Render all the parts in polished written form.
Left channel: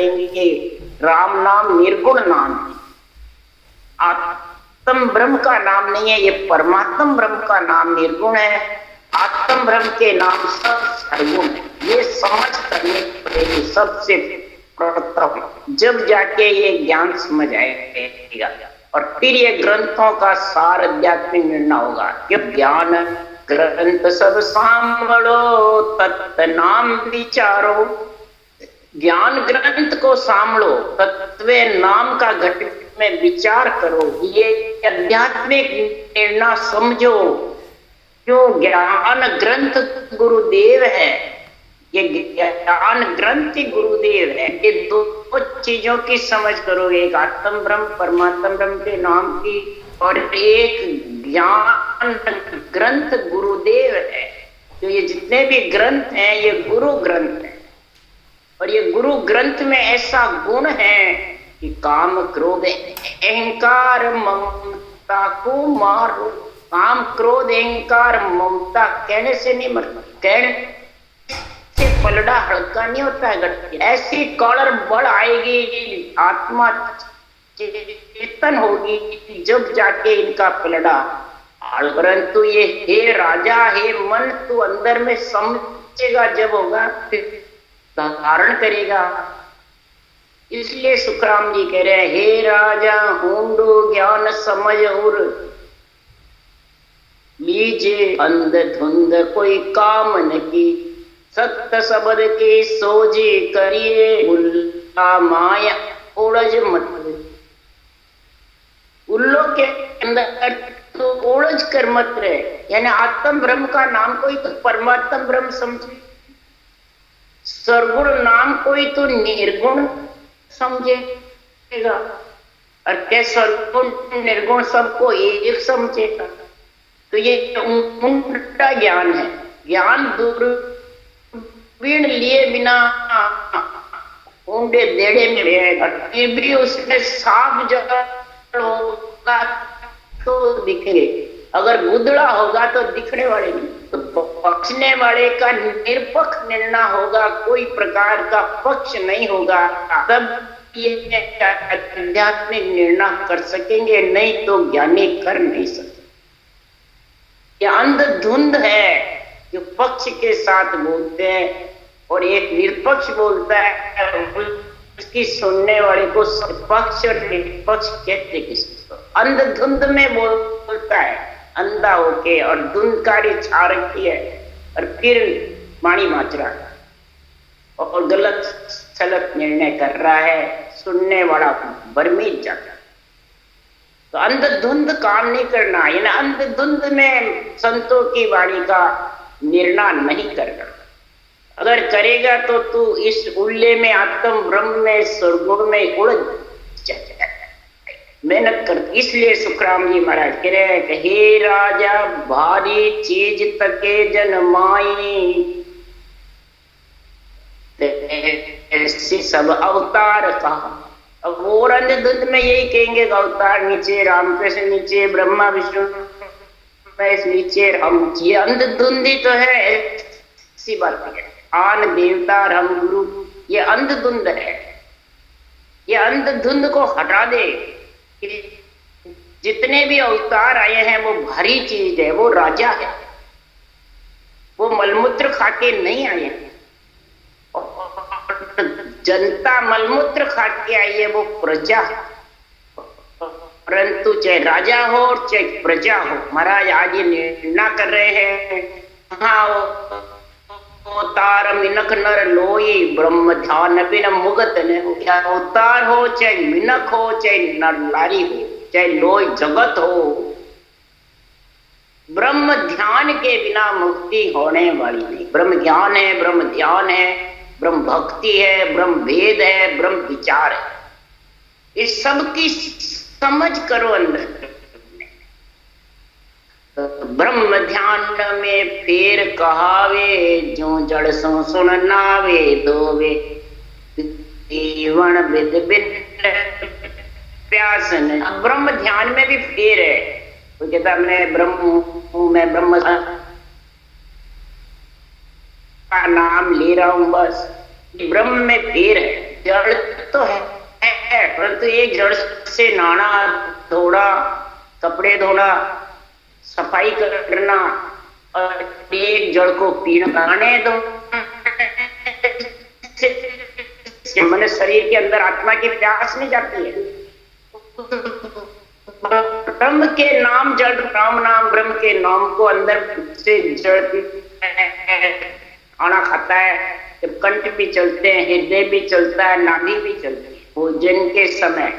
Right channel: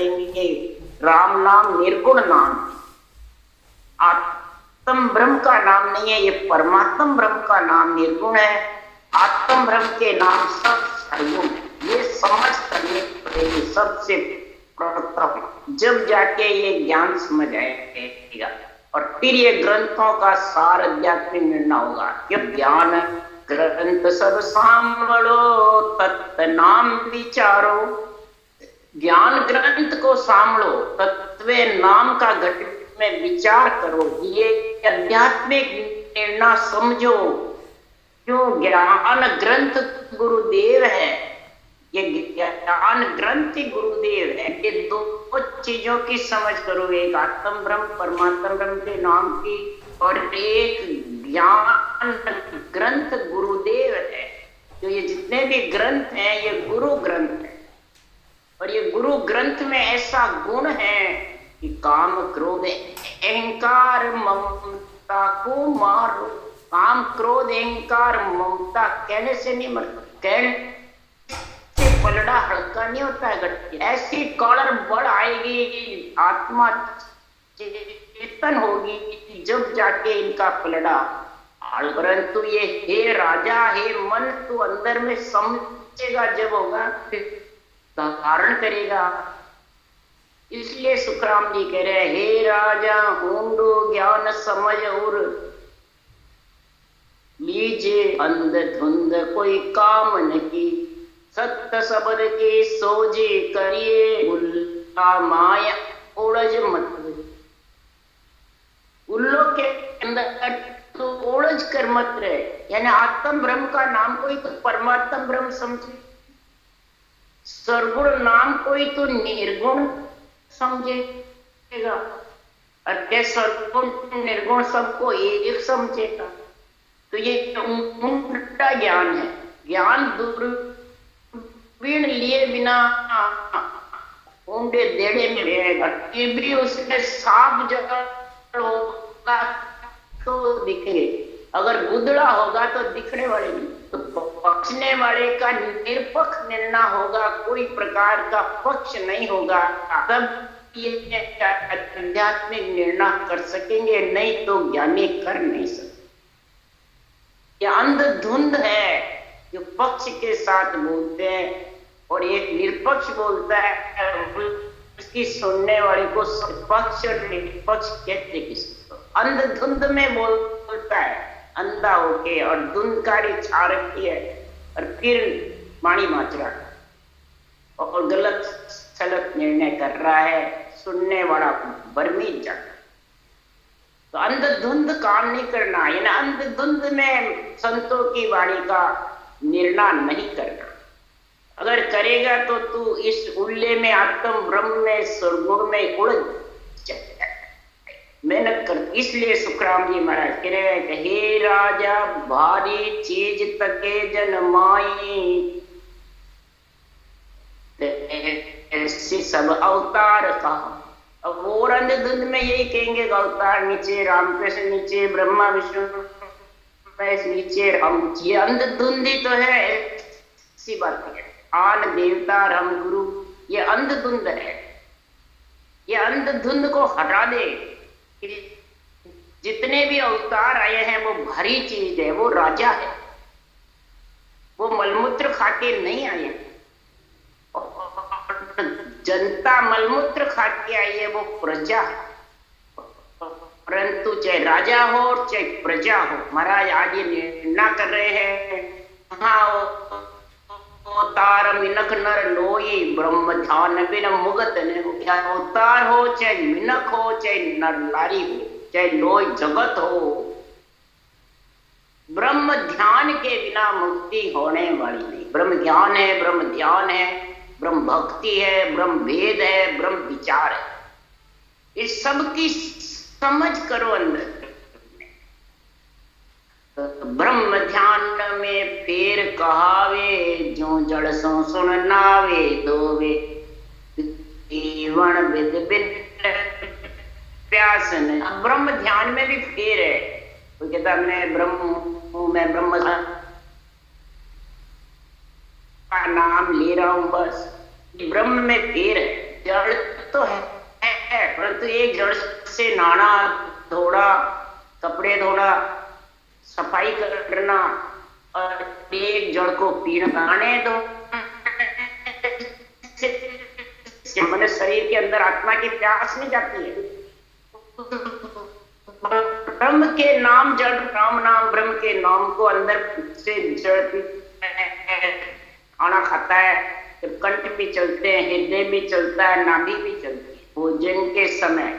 करेंगे राम नाम निर्गुण नाम, आत्म ब्रह्म का नाम नहीं है, ये परमात्म ब्रह्म का नाम निर्गुण है, आत्म ब्रह्म के नाम सब सर्वगुण है। ये समझ करनी पड़ेगी सबसे प्रथम, जब जाके ये ज्ञान समझ आएगा। और फिर ये ग्रंथों का सार आध्यात्मिक निर्णय होगा कि ज्ञान ग्रंथ सब सांभळो तत्व नाम विचारो, ज्ञान ग्रंथ को सांभळो, तत्व नाम का घट में विचार करो, ये आध्यात्मिक निर्णय समझो। जो ज्ञान ग्रंथ गुरुदेव है, ये ज्ञान ग्रंथ गुरुदेव है, ये दो चीजों की समझ करोगे, एक आत्म ब्रह्म परमात्म ब्रह्म के नाम की, और एक ज्ञान ग्रंथ गुरुदेव है। जो ये जितने भी ग्रंथ हैं ये गुरु ग्रंथ है, और ये गुरु ग्रंथ में ऐसा गुण है कि काम क्रोध अहंकार ममता को मारो। काम क्रोध अहंकार ममता कहने से नहीं मरता, कहने से पलड़ा हल्का नहीं होता है। ऐसी कॉलर बढ़ आएगी, आत्मा चेतन होगी, जब जाके इनका पलड़ा। परंतु ये हे राजा हे मन, तू अंदर में समझेगा, जब होगा फिर धारण करेगा। इसलिए सुखराम जी कह रहे हैं, हे राजा ऊंडो ज्ञान समझ और लीजे अंधधुंध कोई काम नहीं, सत्य शब्द के सोजे करिए उल्ला माया ओढ़ज मत। उल्लो के अंदर तो ओढ़ज कर मत रहे, यानी आत्म ब्रह्म का नाम कोई तो परमात्म ब्रह्म समझे, सर्वगुण नाम कोई तो निर्गुण समझेगा, और क्या सर्वगुण निर्गुण सबको एक समझेगा। तो ये उल्टा ज्ञान है। ज्ञान दूरबीन लिए बिना ऊंडे देड़े में रहेगा, फिर भी उसमें साफ जगह होगा तो दिखेंगे, अगर गुदड़ा होगा तो दिखने वाले नहीं। तो पक्षने वाले का निरपक्ष निर्णय होगा, कोई प्रकार का पक्ष नहीं होगा, तब ये आध्यात्मिक निर्णय कर सकेंगे, नहीं तो ज्ञानी कर नहीं सकते। ये अंधधुंध है जो पक्ष के साथ बोलते हैं, और एक निरपक्ष बोलता है, उसकी सुनने वाले को पक्ष और निरपक्ष कहते किसको। अंधधुंध में बोलता है अंधा होके, और धुंधकारी छा रखी है, और फिर माणी माच रहा है और गलत सलत निर्णय कर रहा है, सुनने वाला बर्मीत जाता। तो अंधधुंध काम नहीं करना, यानी अंधधुंध में संतों की वाणी का निर्णय नहीं करना। अगर करेगा तो तू इस उल्ले में आत्म ब्रह्म में स्वर्गुण में उड़ मेहनत कर। इसलिए सुखराम जी महाराज कह रहे हैं कि हे राजा भारी चीज तके जन माई, ऐसी सब अवतार कहा। अब और अंधधुंध में यही कहेंगे अवतार नीचे रामकृष्ण, नीचे ब्रह्मा विष्णु, नीचे राम। ये अंधधुंधी तो है, ऐसी बात है। आन देवता राम गुरु, ये अंधधुंध है। ये अंधधुंध को हटा दे। जितने भी अवतार आए हैं वो भारी चीज है, वो राजा है, वो मलमूत्र खाके नहीं आए। जनता मलमूत्र खाके आई है, वो प्रजा। परंतु चाहे राजा हो और चाहे प्रजा हो, महाराज आज ये निर्णय कर रहे हैं, हाँ अवतार मिनक नर लोई ब्रह्म ध्यान बिन मुगत ने। अवतार हो चाहे मिनक हो, चाहे नर लारी हो, चाहे लोई जगत हो, ब्रह्म ध्यान के बिना मुक्ति होने वाली नहीं। ब्रह्म ज्ञान है, ब्रह्म ध्यान है, ब्रह्म भक्ति है, ब्रह्म वेद है, ब्रह्म विचार है। इस सब की समझ करो अंदर। ब्रह्म ध्यान में फेर कहावे, जो जड़ सो सुन नावे दोवे, जीवन विद विद प्यासन। ब्रह्म ध्यान में भी फेर है। तो कहता मैं ब्रह्म हूं, मैं ब्रह्म का नाम ले रहा हूं, बस ब्रह्म में फेर है। जड़ एक जड़ से नहाना, धोना, कपड़े धोना, सफाई करना और एक जड़ को पीना, तो मन शरीर के अंदर आत्मा की प्यास नहीं जाती है। ब्रह्म के नाम जड़, राम नाम ब्रह्म के नाम को अंदर से जड़ खाना खाता है, जब कंठ भी चलते हैं, हृदय भी चलता है, नाभि भी चलती है। भोजन के समय,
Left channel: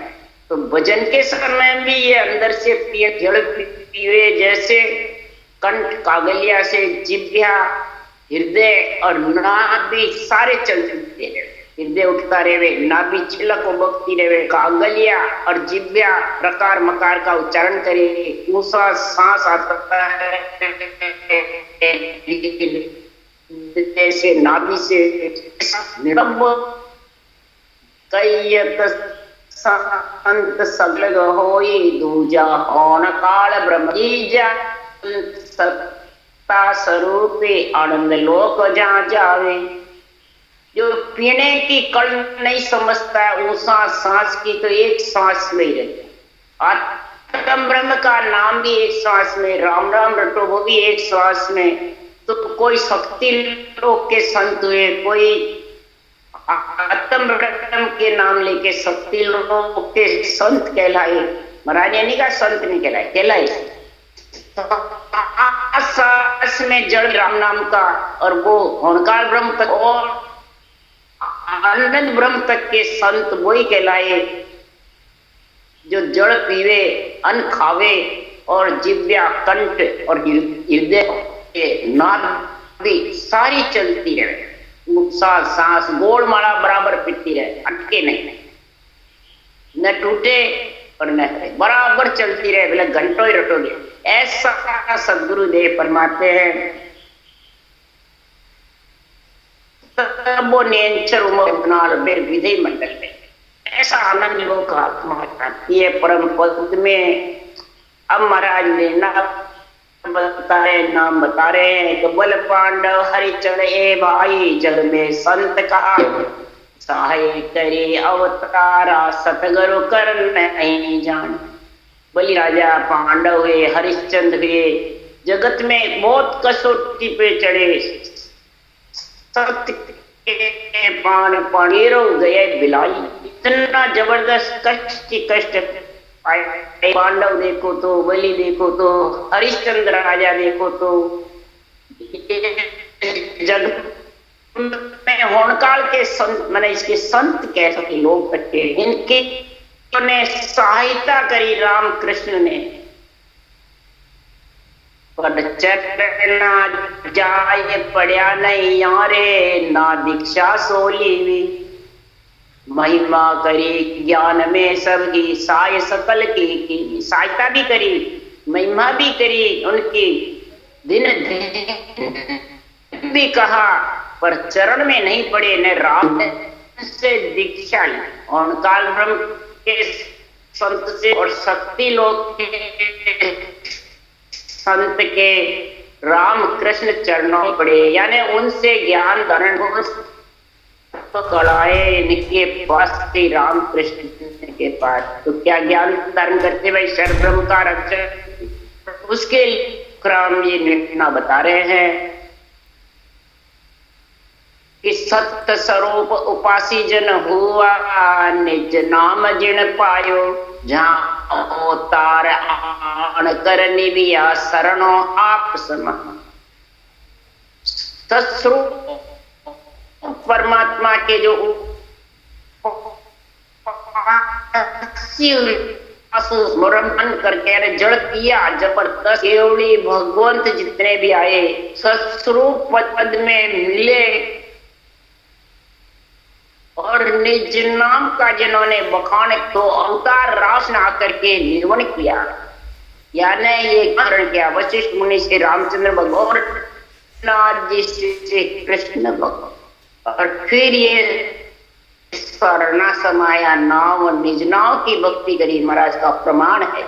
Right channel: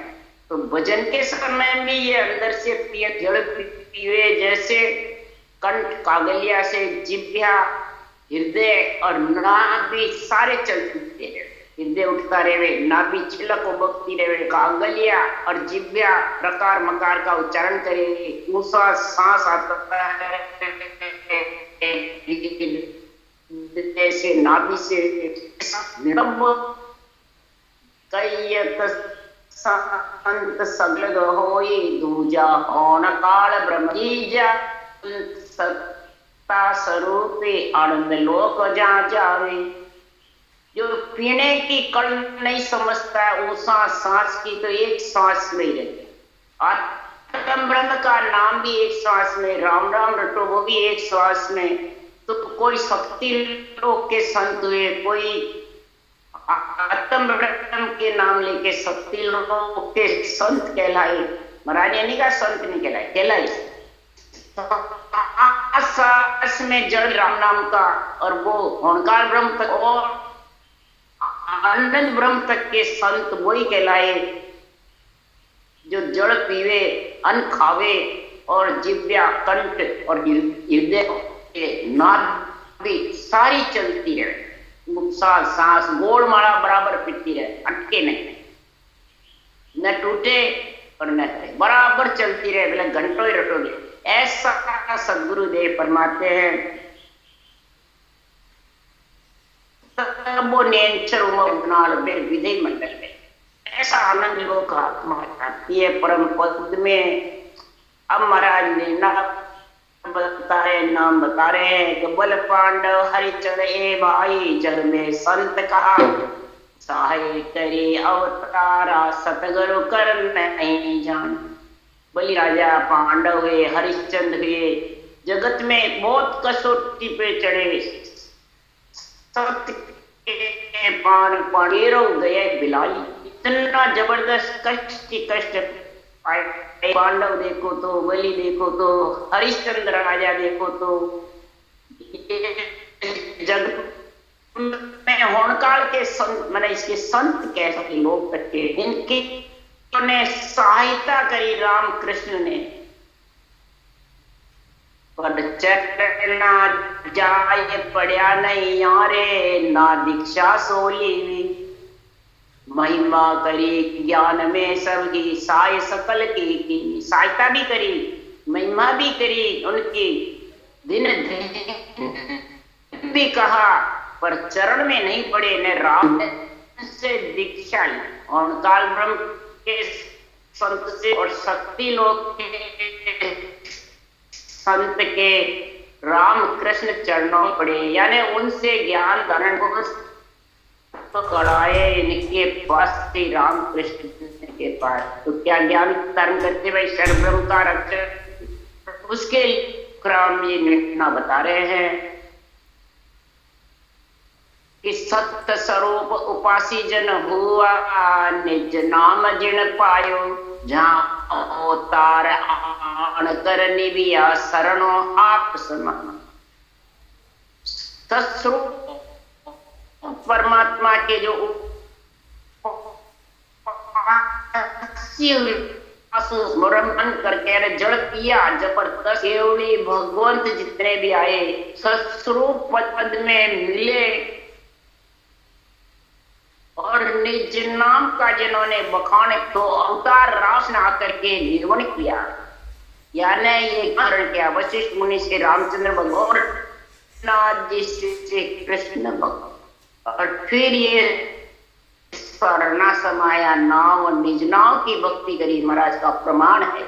तो भजन के समय भी ये अंदर से पिए जड़ पीवे, जैसे कंठ कागलिया से जिह्वा, हृदय और नाभि सारे चलते रहे, हृदय उठता रहे, नाभि छिलक बकती रहे, कागलिया और जिह्वा प्रकार मकार का उच्चारण करे, ऊंचा सांस आता है जैसे नाभि से कैयत संत सगलग होई दूजा होन काल ब्रह्मीजा सत्ता स्वरूपे आनंद लोक जहाँ जावे। जो पीने की कल नहीं समझता है, ऊंचा सांस की तो एक सांस में ही रहती, आत्म ब्रह्म का नाम भी एक सांस में, राम राम रटो वो भी एक सांस में। तो कोई शक्ति लोक के संत हुए, कोई आत्म ब्रह्म के नाम लेके शक्ति लोक के संत कहलाए, महाराज ने नहीं कहा संत नहीं कहलाए, कहलाए। सांस में जड़ राम नाम का, और वो ओंकार ब्रह्म तक और आनंद ब्रह्म तक के संत वही कहलाए जो जड़ पीवे, अन्न खावे और जिह्वा, कंठ और हृदय नाभि सारी चलती रहे, उत्साह सांस गोल माला बराबर पीती रहे, अटके नहीं, न टूटे और न बराबर चलती रहे, बोले घंटों ही रटोगे। ऐसा सदगुरुदेव फरमाते हैं। तबो नेचर उमर विधि मंडल में ऐसा आनंद लोग आत्मा चाहती है परम पद में। अब महाराज ने नाम बता रहे हैं कि बल पांडव हरिचंद ए भाई जग में संत कहा सहाय करे अवतारा सतगुरु कर नहीं जान। बलि राजा पांडव हुए, हरिश्चंद्र हुए, जगत में बहुत कसौटी पे चढ़े, सत्य के पानेरो गए बिलाई, इतना जबरदस्त कष्ट ही कष्ट आए। पांडव देखो तो, बलि देखो तो, हरिश्चंद्र राजा देखो तो, जग में होनकाल के संत, मैंने इसके संत कह सके लोग कट्टे, इनके ने सहायता करी राम कृष्ण ने। पर चटना जाए पढ़िया नहीं यारे, ना दीक्षा सोली हुई, महिमा करी ज्ञान में सबकी साय सकल की सहायता भी करी, महिमा भी करी उनकी, दिन भी कहा, पर चरण में नहीं पड़े, न राम से दीक्षा ली। ओंकार ब्रह्म के संत से और शक्ति लोक के संत के राम कृष्ण चरणों पड़े, यानी उनसे ज्ञान धारण तो कराए इनके पास श्री राम कृष्ण के पास। तो क्या ज्ञान धारण करते भाई शर ब्रह्म का रक्षक, उसके क्रम ये निर्णय बता रहे हैं कि सत्य स्वरूप उपासी जन हुआ, निज नाम जिन पायो, जहाँ अवतार आन कर निभिया शरणों आप समा। सत्स्वरूप परमात्मा के जो स्मरण करके जड़ किया जबरदस्त, केवड़ी भगवंत जितने भी आए सत्स्वरूप पद में मिले और निज नाम का जिन्होंने बखान तो अवतार रास ने आकर के निर्वण किया, यानी ये करण किया वशिष्ठ मुनि से रामचंद्र भगवान, नाथ से कृष्ण भगवान, और फिर ये स्वर्णा समाया नाव और निज नाव की भक्ति करी, महाराज का प्रमाण है।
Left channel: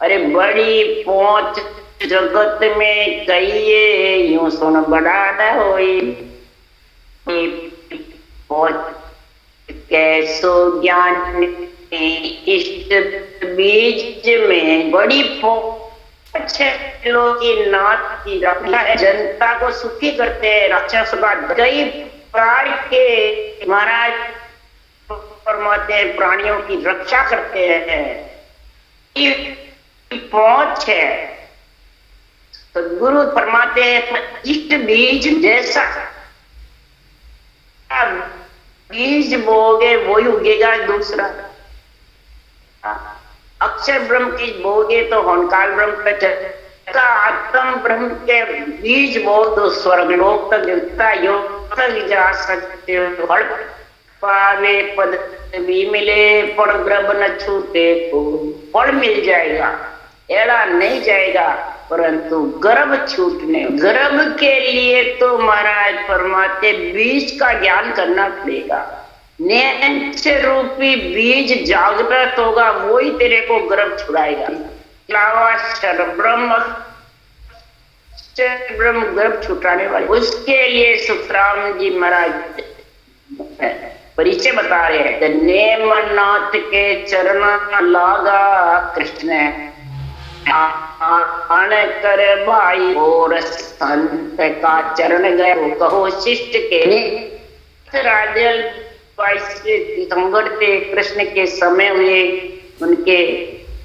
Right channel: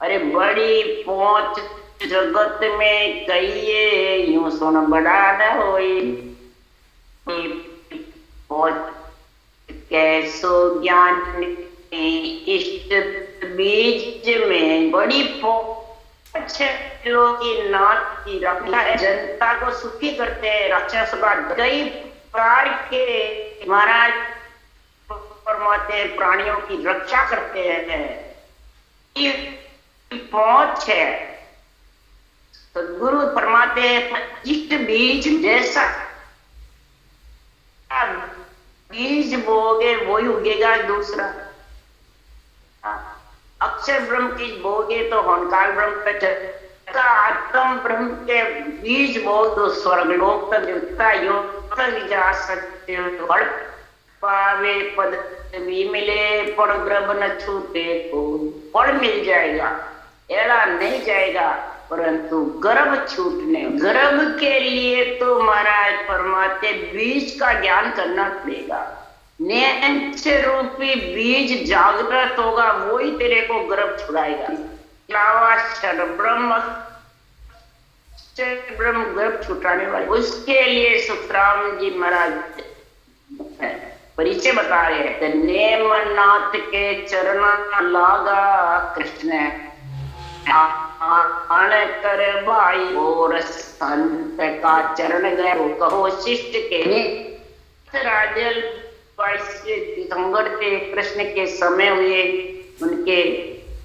अरे बड़ी पहुंच जगत में कहिए यूं सुन बड़ा न होई, पहुंच कैसो ज्ञान इस बीज में बड़ी लोगों की नाथ की रक्षा है, जनता को सुखी करते हैं, राक्षस का कई प्रकार के महाराज फरमाते हैं, प्राणियों की रक्षा करते हैं। पहुंच है सदगुरु फरमाते हैं, इष्ट बीज जैसा बीज बोगे वही उगेगा दूसरा। अक्षर ब्रह्म की बोगे तो होनकाल ब्रह्म का आत्म ब्रह्म के बीज बो तो स्वर्गलोक तक देवता योग तक जा सकते हो। फल पावे पद भी मिले, पर ग्रह न छूटे तो फल मिल जाएगा, एड़ा नहीं जाएगा, परंतु गर्भ छूटने, गर्भ के लिए तो महाराज फरमाते बीज का ज्ञान करना पड़ेगा। नेंच रूपी बीज जागृत होगा, वही तेरे को गर्भ छुड़ाएगा। ब्रह्म गर्भ छुटाने वाले, उसके लिए सुखराम जी महाराज परिचय बता रहे हैं। नेमनाथ के चरण लागा कृष्ण आन कर भाई, और संत का चरण गए कहो शिष्ट के। राजल 22 दिसंबर थे, कृष्ण के समय हुए, उनके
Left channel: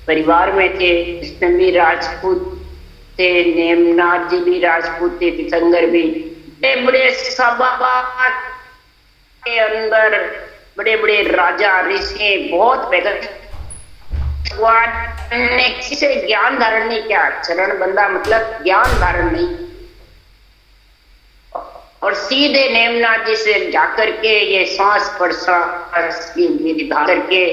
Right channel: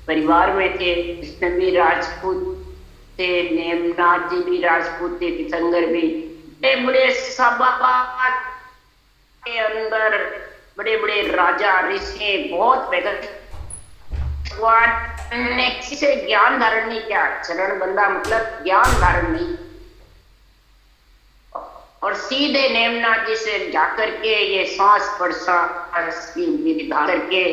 परिवार में थे। कृष्ण भी राजपूत थे, नेमनाथ जी भी राजपूत थे, तीर्थंकर भी। बड़े सभा के अंदर बड़े बड़े राजा ऋषि बहुत ने किसी से ज्ञान धारण नहीं किया। चरण बंदा मतलब ज्ञान धारण नहीं, और सीधे नेमनाथ जी से जाकर के ये सांस प्रश्वास की विधि करके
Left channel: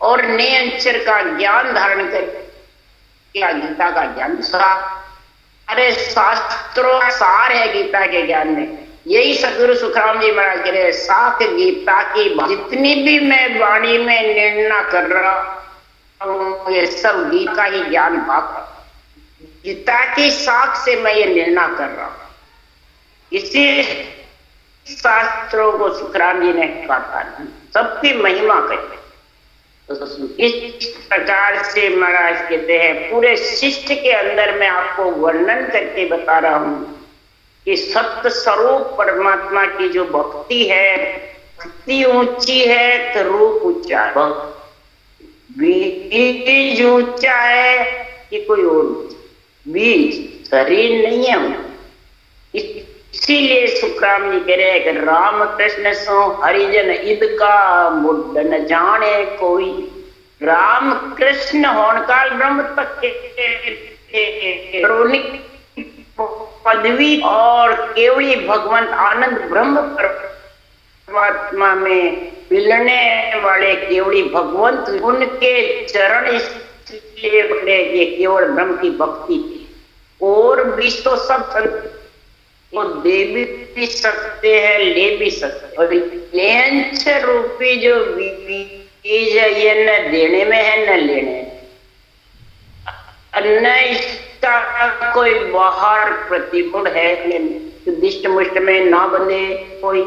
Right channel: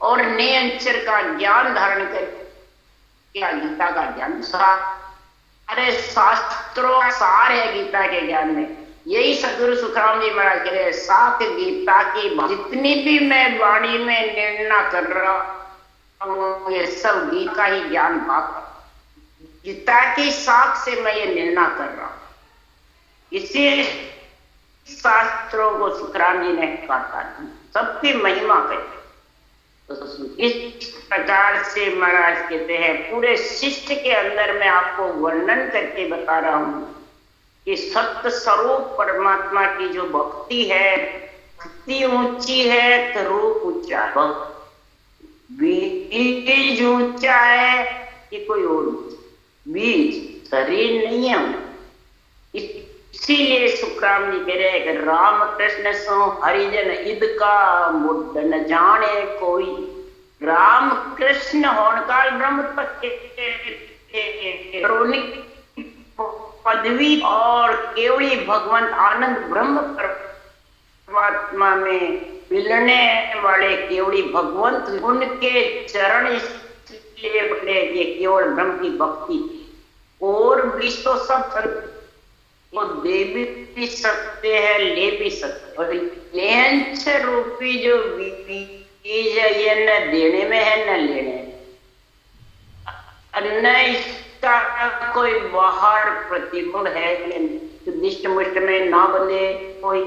और नियंचर का ज्ञान धारण करके गीता का ज्ञान, सारे शास्त्रों का सार है गीता के ज्ञान में। यही सदगुरु सुखराम जी महाराज कह रहे, साख गीता की जितनी भी मैं वाणी में निर्णय कर रहा हूँ, ये सब गीता का ही ज्ञान भाग, गीता की साख से मैं ये निर्णय कर रहा हूँ। इसी शास्त्रों को सुखराम जी ने कहा, सबकी महिमा कहते। तो इस प्रकार से महाराज कहते हैं, पूरे शिष्ट के अंदर मैं आपको वर्णन करके बता रहा हूँ कि सत्य स्वरूप परमात्मा की जो भक्ति है, भक्ति ऊंची है तो रूप ऊंचा है, बीज ऊंचा है कि कोई और बीज शरीर नहीं है। इसीलिए सुखराम जी कह रहे हैं कि राम कृष्ण सो हरिजन ईद का मुद्द न जाने कोई। राम कृष्ण होनकाल ब्रह्म तक के पदवी और केवली भगवंत आनंद ब्रह्म परमात्मा में मिलने वाले केवली भगवंत, उनके चरण इसलिए बने ये केवल ब्रह्म की भक्ति। और भी तो सब वो दे भी सकते हैं, ले भी सकते, और लेंच रूपी जो बीज है ये न देने में है न लेने, न इसका कोई बाहर प्रतिगुण है। दिष्ट मुष्ट में ना बंधे कोई,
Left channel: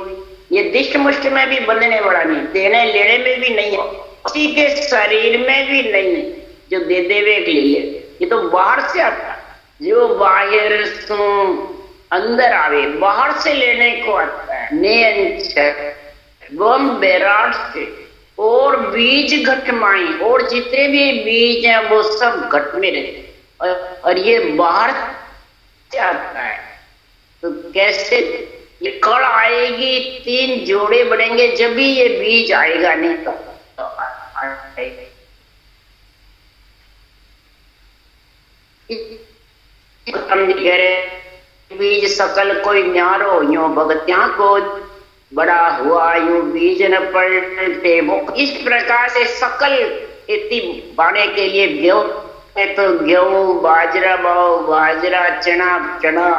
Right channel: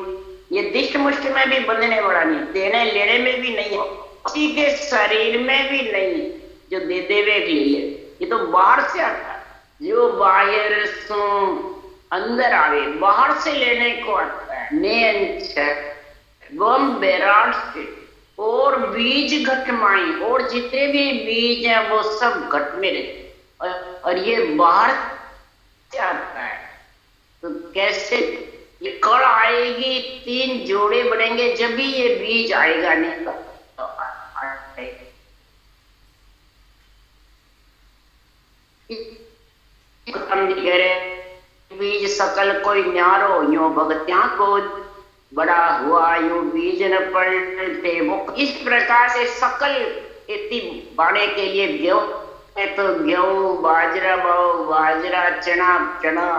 ये दिष्ट मुष्ट में भी बंधने वाला नहीं, देने लेने में भी नहीं है, किसी के शरीर में भी नहीं जो दे देवे ले ले। ये तो बाहर से आता है, जो बाहर से अंदर आवे, बाहर से लेने को आता है। बेराट से और बीज घट माई, और जितने भी बीज हैं वो सब घट में रहते, और ये बाहर से आता है। तो कैसे ये कड़ आएगी, 3 जोड़े बढ़ेंगे जब भी ये बीज आएगा, नहीं तो कह रहे बीज सकल कोई न्यारो, यो भगत्या को बड़ा हुआ यूं बीज न पलटे मुख। इस प्रकार से सकल खेती बाने के लिए गेहूं तो गेहूं, बाजरा बाओ बाजरा, चना चना,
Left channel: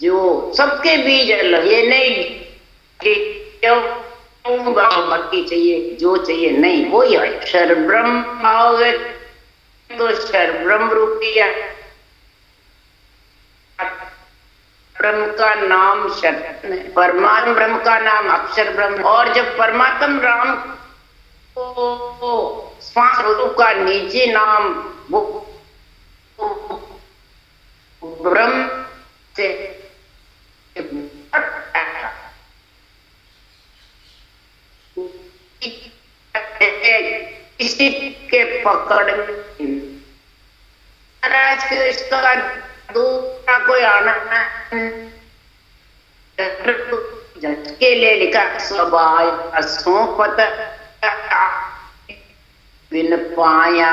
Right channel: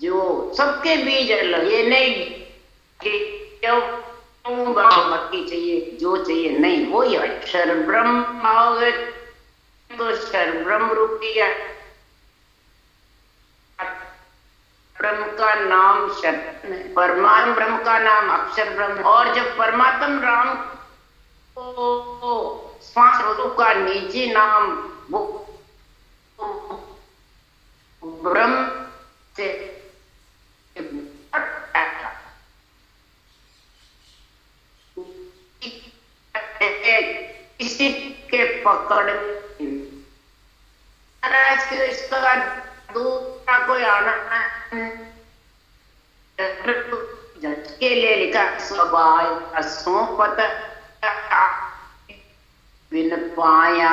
जो सबके बीज अलग, ये नहीं कि मक्की चाहिए जो चाहिए, नहीं, वही है अक्षर ब्रह्म आओगे तो अक्षर ब्रह्म रूपी है। ब्रह्म का नाम शब्द है, परमात्मा ब्रह्म का नाम अक्षर ब्रह्म। और जब परमात्मा राम को 5 रोगों का निजी नाम वो ब्रह्म से किसी के पकड़ महाराज के इसका दूसरा कोई आनंद झटके ले लिखा स्वभाव सोपत बिन पाया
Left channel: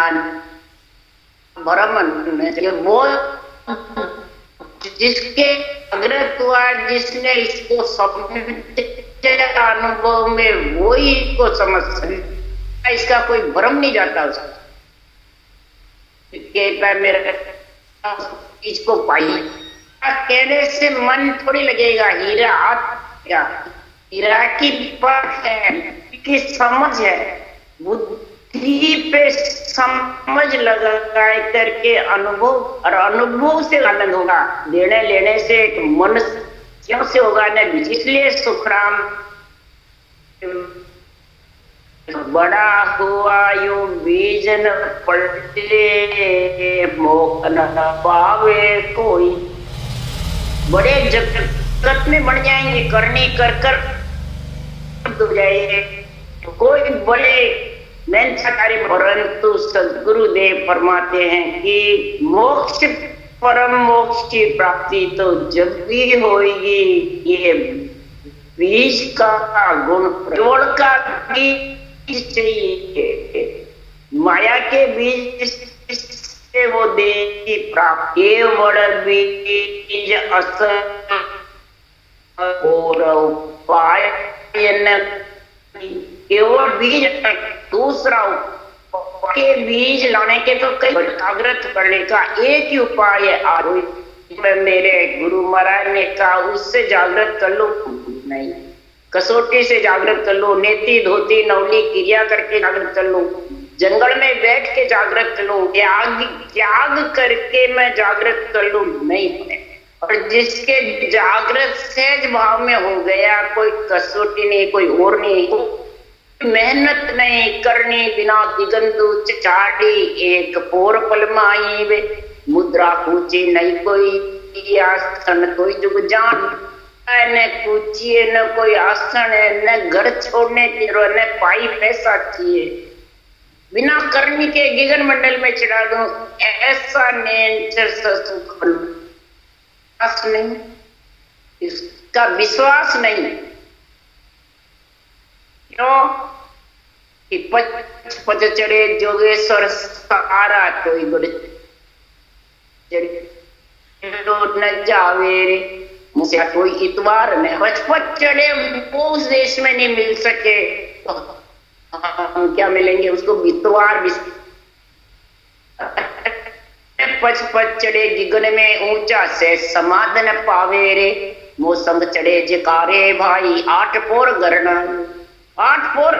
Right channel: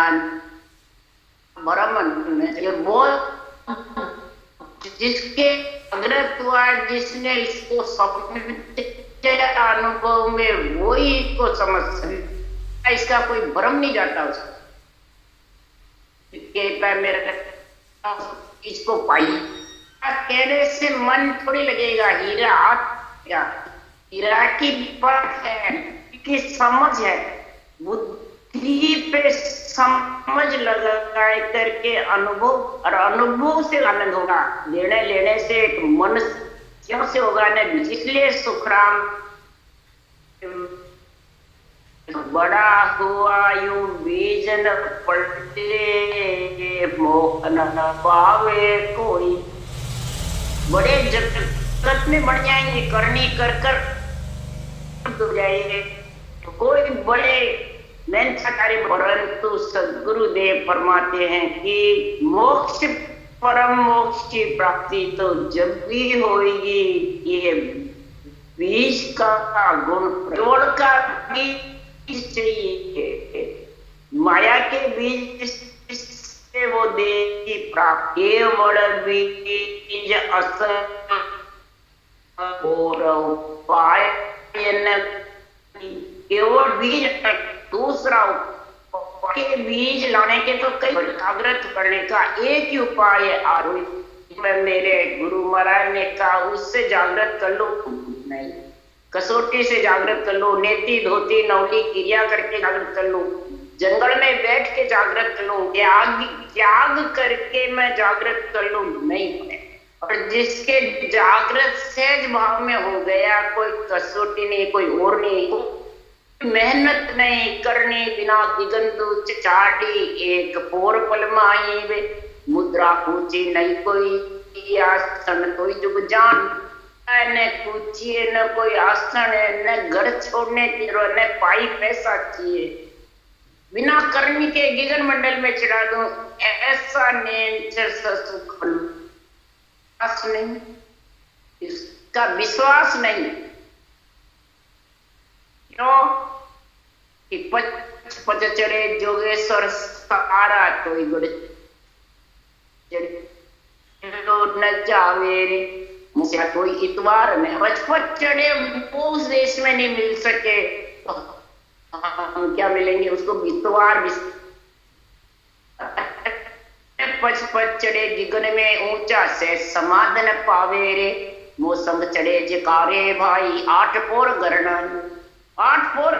भरम वो जिसके अग्रत हुआ जिसने इसको अनुभव में वो ही इसको समझ सकता, इसका कोई भ्रम नहीं जाता उसको कहता है मेरा इसको पाई कहने से मन थोड़ी लगेगा हीरा हाथ या हीरा की परख है की समझ है, बुद्धि पे समझ लगा करके अनुभव और अनुभव से आनंद होगा, देने लेने से एक मन क्यों से होगा नहीं। इसलिए सुखराम बड़ा हुआ यू बीज न पलटे मोह न पावे कोई, बड़े जगत में बढ़ जाएंगे करने कर कर डूब जाएंगे तो कोई बड़े मेहनत कार्य, परंतु सदगुरुदेव फरमाते हैं कि मोक्ष परम मोक्ष की प्राप्ति तो जब भी होगी ये बीज का गुण जोड़ का बीज चाहिए, माया के बीज से वो देगी प्राप्ति, केवल बीज असर और उपाय केवल बीज, दूसरा के बीज लाने के तो कई जागृत करने का एक ही उपाय है आरोही। मेरे गुरु महाराज ने कहा उससे जागृत कर लो नहीं, कसौटी से जागृत कर लो, नेति धोती नवली क्रिया करके जागृत कर लो, जंगल में बैठ के जागृत कर लो, त्याग करके मैं जागृत कर लू नहीं। और जिसके जागृत सहज भाव में हो गया, कोई कसौटी नहीं कोई और नहीं, मेहनत नहीं करनी बिना दिगंत चाटी, एक पोर पल माई वे मुद्रा पूछी नहीं कोई आसन, कोई जुग जान न पूछिए न कोई आसन, न घर छोड़ने की न पाई पैसा चाहिए, बिना करनी के गिगन मंडल में चढ़ा दूं ऐसा नेचर सुख नहीं, इसका विश्वास नहीं क्यों कि पच चढ़े जोगेश्वर सारा कोई गुड़ न जावे रे मुझे कोई इतवार नहीं, पच चढ़े वो उस देश में नहीं मिल सके तो हम क्या मिलेंगे उसको इतवार। पच चढ़े गिगन में ऊंचा से समाधन पावे रे, मौसम चढ़े जकारे भाई 8 पोर गरना, 8 पोर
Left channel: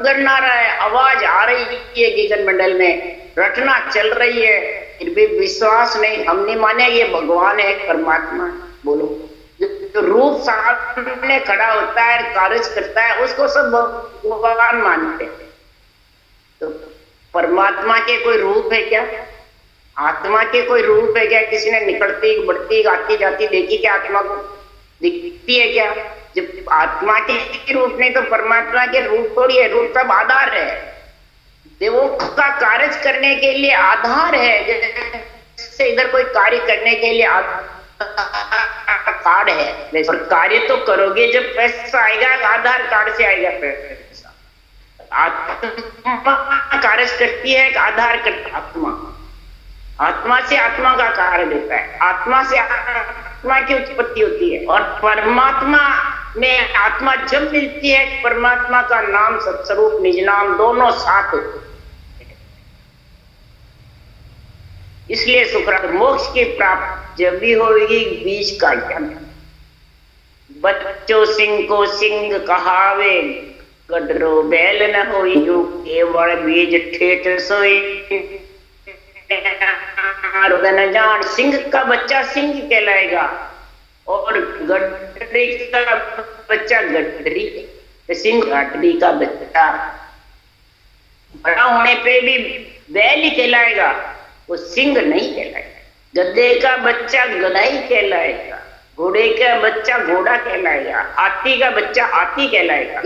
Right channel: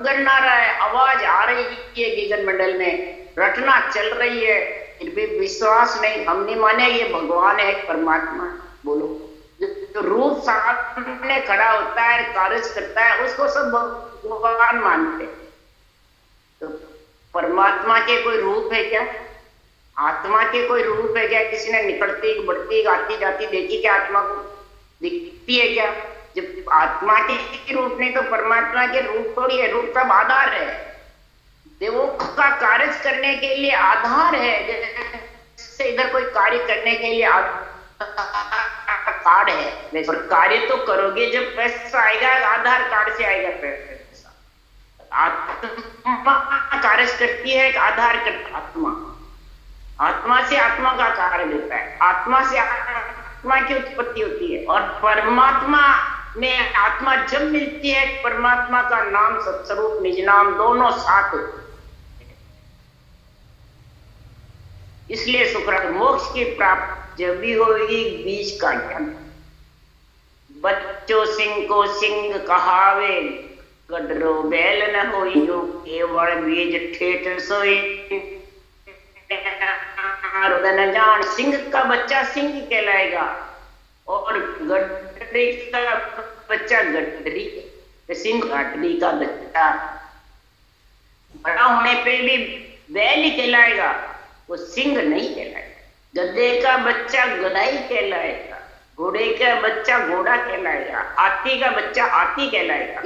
गरना रहा है, आवाज आ रही है गिगन मंडल में, रटना चल रही है, फिर भी विश्वास नहीं, हम नहीं माने ये भगवान है परमात्मा। बोलो जो रूप सामने खड़ा होता है कार्य करता है उसको सब भगवान मानते, तो परमात्मा के कोई रूप है क्या, आत्मा के कोई रूप है क्या, किसी ने निकलती बढ़ती आती जाती देखी क्या आत्मा को दिखती है क्या, जब आत्मा के रूप नहीं तो परमात्मा के रूप थोड़ी है, रूप सब आधार है, देवों का कार्य करने के लिए आधार है, जैसे इधर कोई कार्य करने के लिए कार्ड है, और कार्य तो करोगे जब पैसा आएगा, आधार कार्ड से आएगा पैसा, आत्मा कार्य करती है, आधार करता आत्मा, आत्मा से आत्मा का कार्य देता है, आत्मा से आत्मा की उत्पत्ति होती है, और परमात्मा में आत्मा जब मिलती है परमात्मा का नाम सत्स्वरूप निज नाम दोनों साथ होते हैं। इसलिए सुखराम मोक्ष की प्राप्ति जब भी होगी बीज का ज्ञान, बच्चों सिंह को सिंह कहावे, गडरो बैल न होई, केवल बीज ठेठ सोई, न जान सिंह का बच्चा सिंह कहलाएगा और गडरी का बच्चा गडरी, सिंह गडरी का बच्चा बड़ा होने पे भी बैल ही कहलाएगा, वो सिंह नहीं कहलाएगा। गधे का बच्चा गधा ही कहलाएगा, घोड़े का बच्चा घोड़ा कहलाएगा, हाथी का बच्चा हाथी कहलाएगा।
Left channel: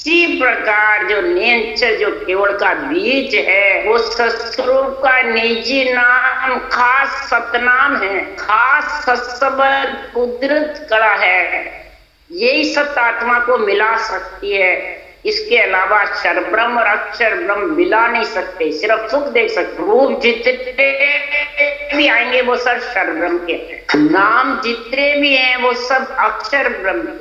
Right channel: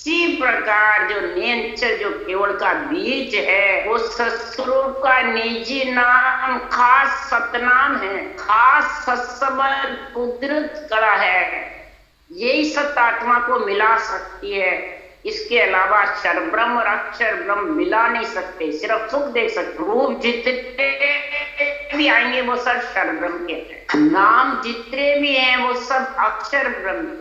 इसी प्रकार जो नियंचर जो केवल का बीज है, वो सत्स्वरूप का निजी नाम खास सतनाम है, खास सत्सबद कुदरत कला है। यही सत्य आत्मा को मिला सकती है। इसके अलावा क्षर ब्रह्म और अक्षर ब्रह्म मिला नहीं सकते, सिर्फ सुख देख सकते। रूप जितने भी आएंगे वो सब क्षर ब्रह्म के हैं, नाम जितने भी हैं वो सब अक्षर ब्रह्म।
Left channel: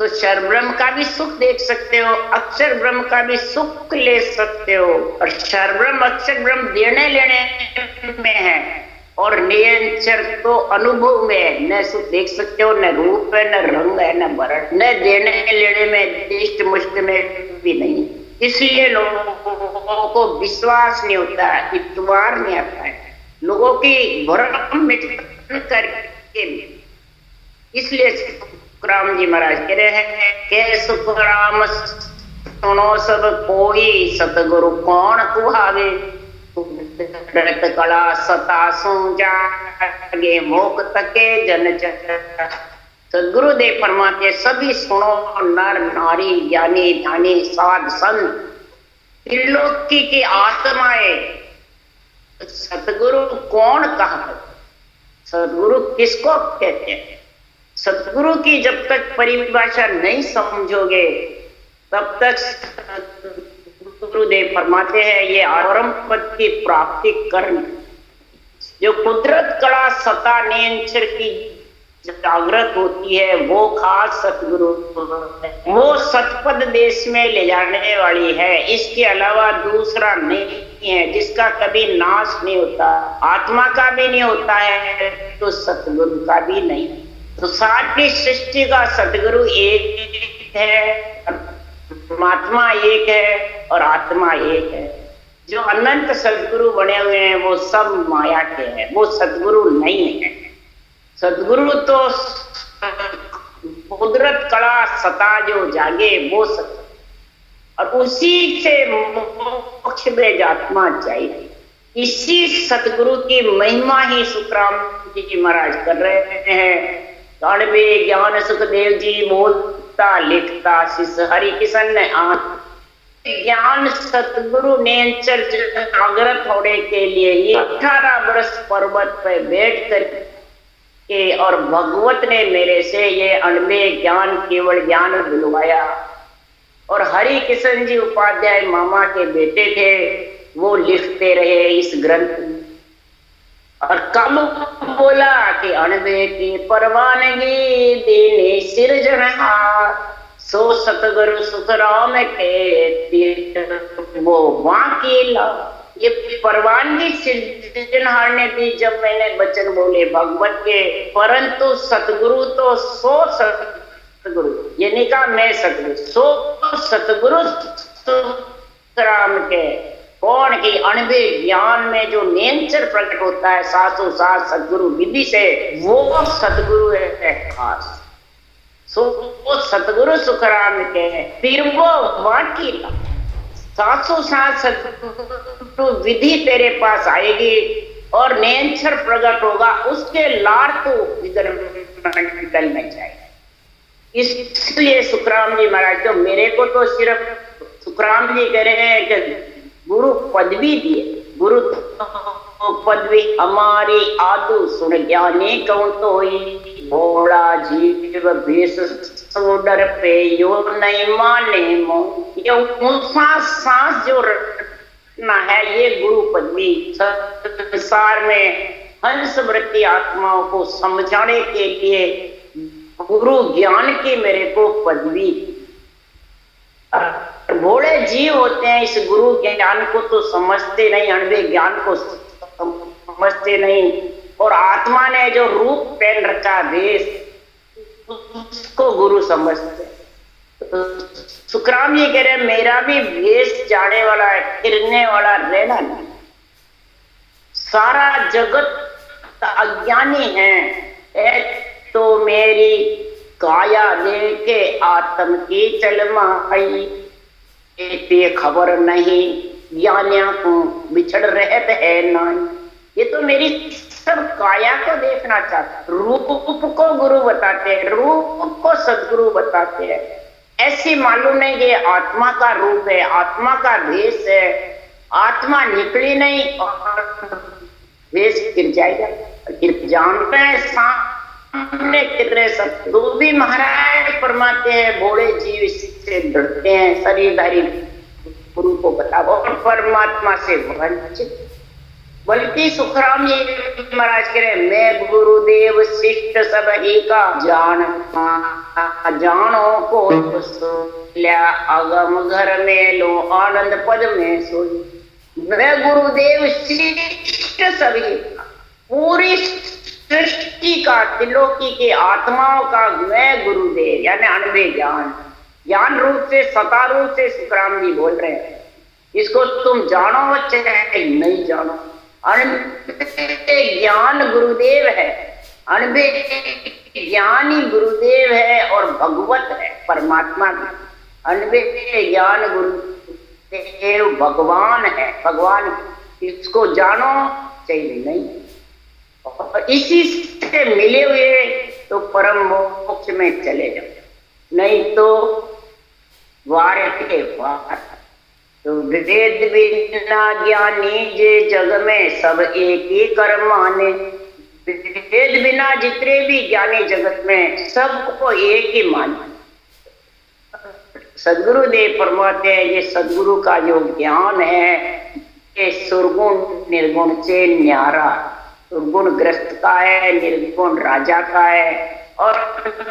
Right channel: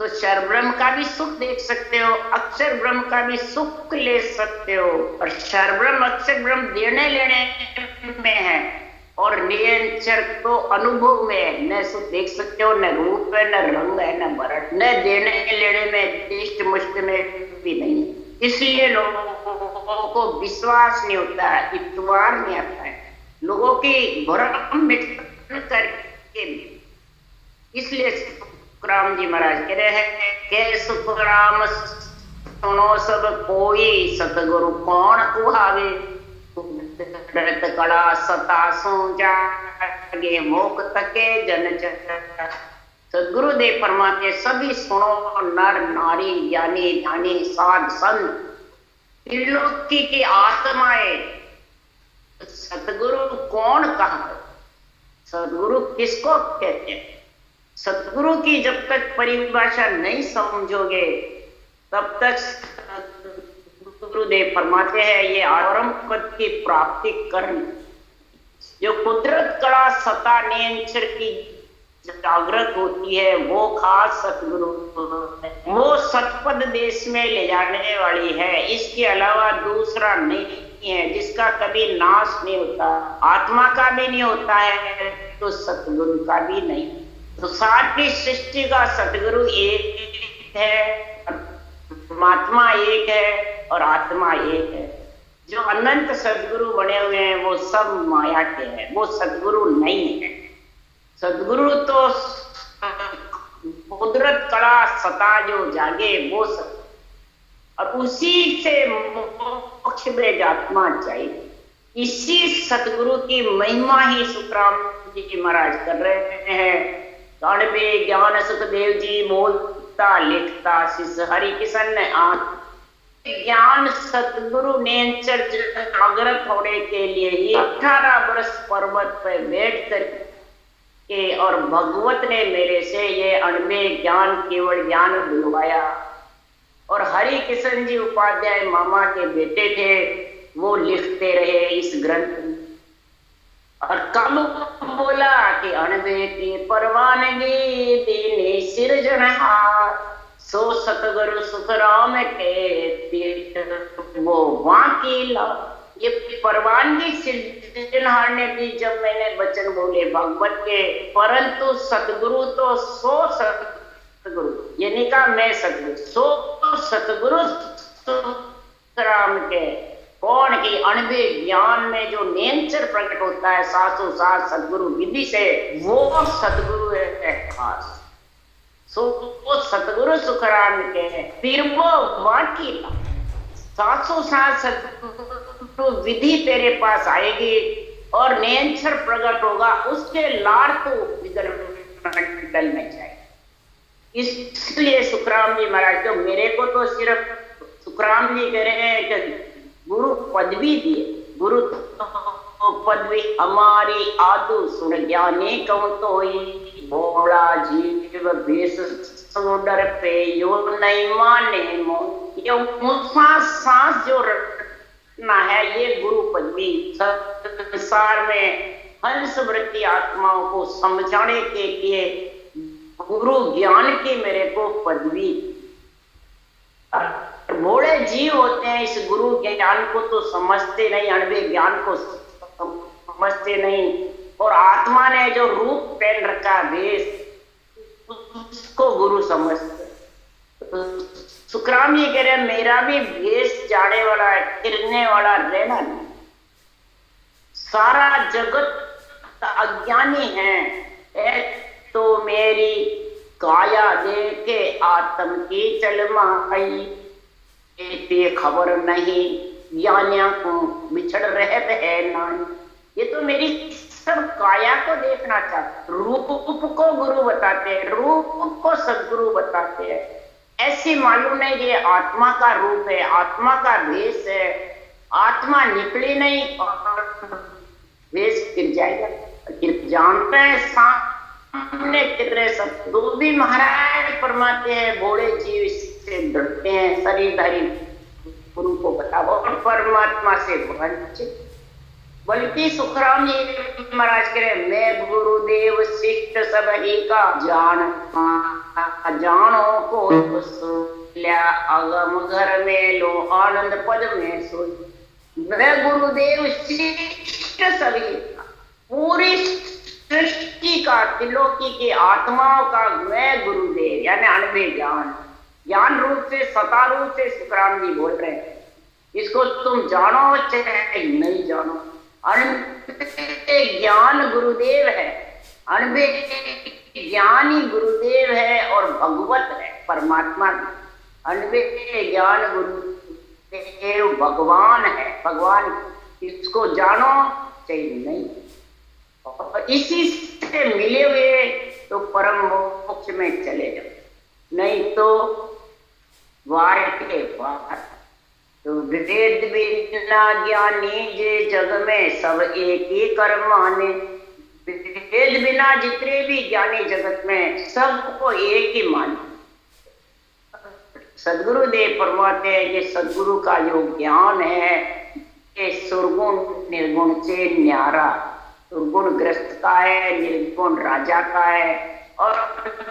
तो क्षर ब्रह्म का भी सुख देख सकते हो, अक्षर ब्रह्म का भी सुख ले सकते हो। और क्षर ब्रह्म अक्षर ब्रह्म देने लेने में है, और नियंचर तो अनुभव में है। न सुख देख सकते हो, न रूप है, न रंग है, न वर्ण, न देने लेने में, इष्ट मुष्ट में भी नहीं। इसलिए लोगों को विश्वास नहीं होता है, इतवार नहीं आता है, लोगों की भ्रम मिट करके। इसलिए राम जी महाराज कह रहे हैं के सुख राम सुनो सब कोई, सतगुरु कौन कुहावे, कला सतासू जागे मोक तके जन। सदगुरुदेव फरमाते सभी सुनो, नर नारी ज्ञानी ध्यानी साध संत त्रिलोकी की आत्माएं, सतगुरु कौन कहा, सदगुरु किसको कहते हैं। सतगुरु की जब तक परिभाषा नहीं समझोगे तब तक गुरुदेव फरमाते हैं ये आरंभ पद की प्राप्ति करनी। जो कुदरत कला सता नियंचर की जागृत होती है वो खास सतगुरु, वो सतपद देश में ले जाने वाली है। इसके अलावा दूसरा नहीं है, जिसका कभी नाश नहीं होता, आत्मा का भी नहीं होता है तो सतगुरु का भी नहीं। तो सारी सृष्टि का सतगुरु एक है, परमात्मा एक है और आत्मा एक है। जो अनंत सदगुरु बने हुए हैं वो सब माया के हैं, वो सदगुरु नहीं है। सदगुरु तो कुदरत कला सता जो जागे वो सत, और उसी से मोक्ष में आत्मा चाहिए। इसी सतगुरु की महिमा ही सुखराम जी महाराज कर रहे हैं। गणवे ज्ञान सुखदेव जी बोलता लिखता शिष हरि किशन आंख, ज्ञान सतगुरु नेचर जागृत होने के लिए ये 18 वर्ष पर्वत पर बैठ कर के और भगवत ने मेरे से ये अणवे ज्ञान केवल ज्ञान दिलवाया। और हरि किशन जी उपाध्याय मामा के बेटे थे, वो लिखते रहे इस ग्रंथ में। और कब बोला कि अणवे की परवानगी देने सिरजनहार, सो सतगुरु सुखराम के वो वाकीला। ये परवानगी सिरजनहार ने दी जब मैंने वचन बोले भगवत के, परंतु सतगुरु तो सो सतगुरु, ये नहीं कहा मैं सतगुरु, सो सतगुरु सुखराम के कौन की अणवे ज्ञान में जो नेचर प्रकट होता है सासु सास सतगुरु विधि से, वो सतगुरु है खास। सो वो सतगुरु सुखराम के हैं। फिर वो वाकी सासु सास सतगुरु विधि तेरे पास आएगी और नेचर प्रकट होगा, उसके लार तो निकल नहीं जाएगा। इसलिए सुखराम जी महाराज तो मेरे को तो सिर्फ सुखराम जी कह रहे हैं कि गुरु पदवी दिए, गुरु तो पदवी हमारी आतु सुन ज्ञानी कहूं तो भोला जीव भेष सो डर पे यो नहीं माने मो। ये सांस जो रखना है ये गुरु पदवी संसार में हंस वृत्ति आत्माओं को समझाने के लिए गुरु ज्ञान की मेरे को पदवी। भोले जीव होते हैं इस गुरु ज्ञान को तो समझते नहीं, अणवे ज्ञान को समझते नहीं, और आत्मा ने जो रूप पहन रखा भेष उसको गुरु समझते। तो सुखराम जी कह रहे मेरा भी भेष जाने वाला है, गिरने वाला रहना नहीं। सारा जगत अज्ञानी है तो मेरी काया देखे आत्म की चलमा आई, पे खबर नहीं, ज्ञानियों को बिछड़ रहत है नहीं। ये तो मेरी सब काया को देखना चाहते, रूप को गुरु बताते हैं, रूप को सदगुरु बताते हैं। ऐसी मालूम है ये आत्मा का रूप है, आत्मा का वेश है, आत्मा निकली नहीं और वेश गिर जाएगा। फिर जानते हैं सामने कितने सब तो भी महाराज फरमाते हैं बोले जीव से डरते हैं, शरीरधारी गुरु को बताओ और परमात्मा से वंचित। बल्कि सुखराम जी महाराज कह रहे मैं गुरुदेव शिष्ट सब ही का जानो को लिया अगम घर में लो आनंद पद में सो। मैं गुरुदेव शिष्ट सभी का, पूरी सृष्टि का, त्रिलोकी के आत्माओं का मैं गुरुदेव, यानी अनबे ज्ञान, ज्ञान रूप से सता रूप से सुखराम जी बोल रहे हैं। इसको तुम जानो चाहे नहीं जानो, अनबे ज्ञान गुरुदेव है, अनबे ज्ञानी गुरुदेव है और भगवत है परमात्मा भी। अनबे ज्ञान गुरुदेव भगवान है, भगवान, इसको जानो चाहिए नहीं। और इसी से मिले हुए तो परम मोक्ष में चले जाओ, नहीं तो वार के वार। तो वेद बिना ज्ञानी जे जग में सब एक ही कर माने। वेद बिना जितने भी ज्ञानी जगत में सबको एक ही माने। सदगुरुदेव फरमाते हैं ये सदगुरु का जो ज्ञान है ये सुरगुण निर्गुण से न्यारा, सुरगुण ग्रस्त का है, निर्गुण राजा का है, और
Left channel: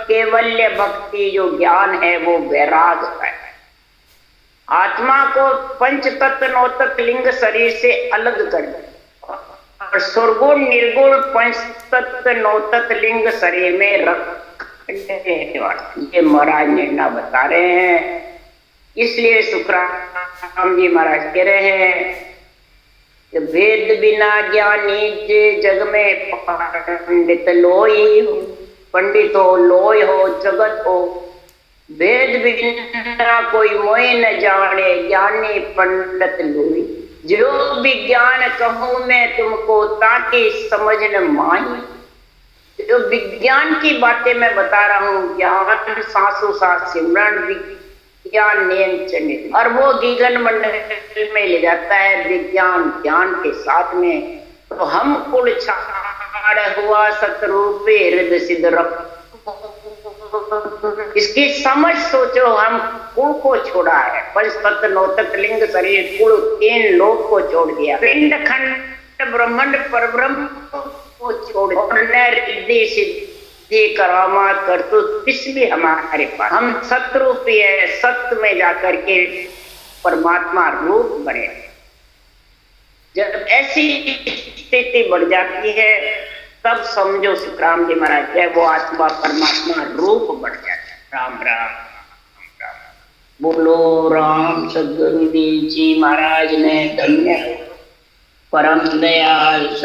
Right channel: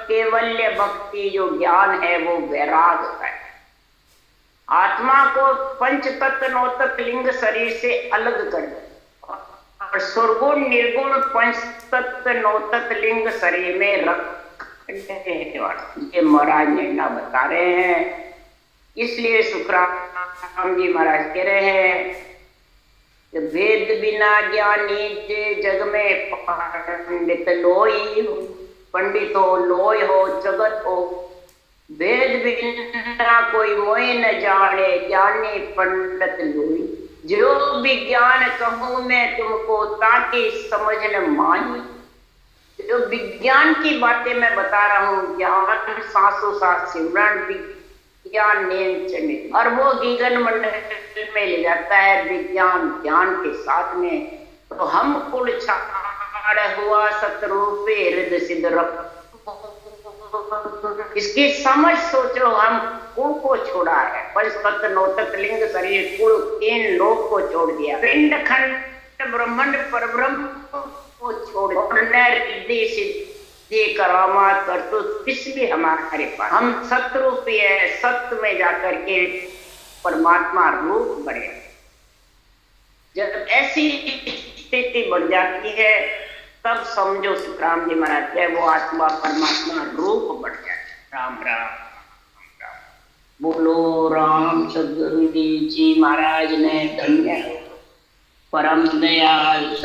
केवल्य भक्ति जो ज्ञान है वो वैराग का है। आत्मा को पंच तत्व नौ तत्व लिंग शरीर से अलग कर दे और सुरगुण निर्गुण पंच तत्व नौ तत्व लिंग शरीर में रख, ये महाराज ने ना बता रहे हैं। इसलिए सुखराम जी महाराज कह रहे हैं कि वेद बिना ज्ञानी जे जग में पंडित लोई, पंडित हो लोय हो जगत हो। वेद बिना कोई मोह न जाने, ज्ञानी पंडित लोई। जो विज्ञान कहूं मैं तुमको ताकि समझ न माही। जो विज्ञान की बातें मैं बता रहा हूँ, ज्ञान सांसों सांस सिमरन विज्ञान नियम चले, और वो गीगन मंडल में ले जाता है विज्ञान ज्ञान के साथ में। तो हम कुल छाड़ हुआ सतरूपे हृदय सिद्ध रख। इसकी समझ सोचो, हम कुल को छोड़ा है, पंच तत्व नौ तत्व लिंग शरीर कुल तीन लोक को छोड़ दिया, पिंड खंड ब्रह्मांड परब्रह्म को छोड़ हृदय सिद्धि करामात कर तो इसलिए हमारे पास हम सतरूपी है, सत्य में जाकर के परमात्मा रूप बने। जब ऐसी स्थिति बढ़ जाती है तब समझो सुखराम जी महाराज है वो आत्मा परमात्मा रूप बढ़ जाता है। राम राम राम। बोलो राम सदगुरुदेव जी महाराज ने धन्य परम दयाल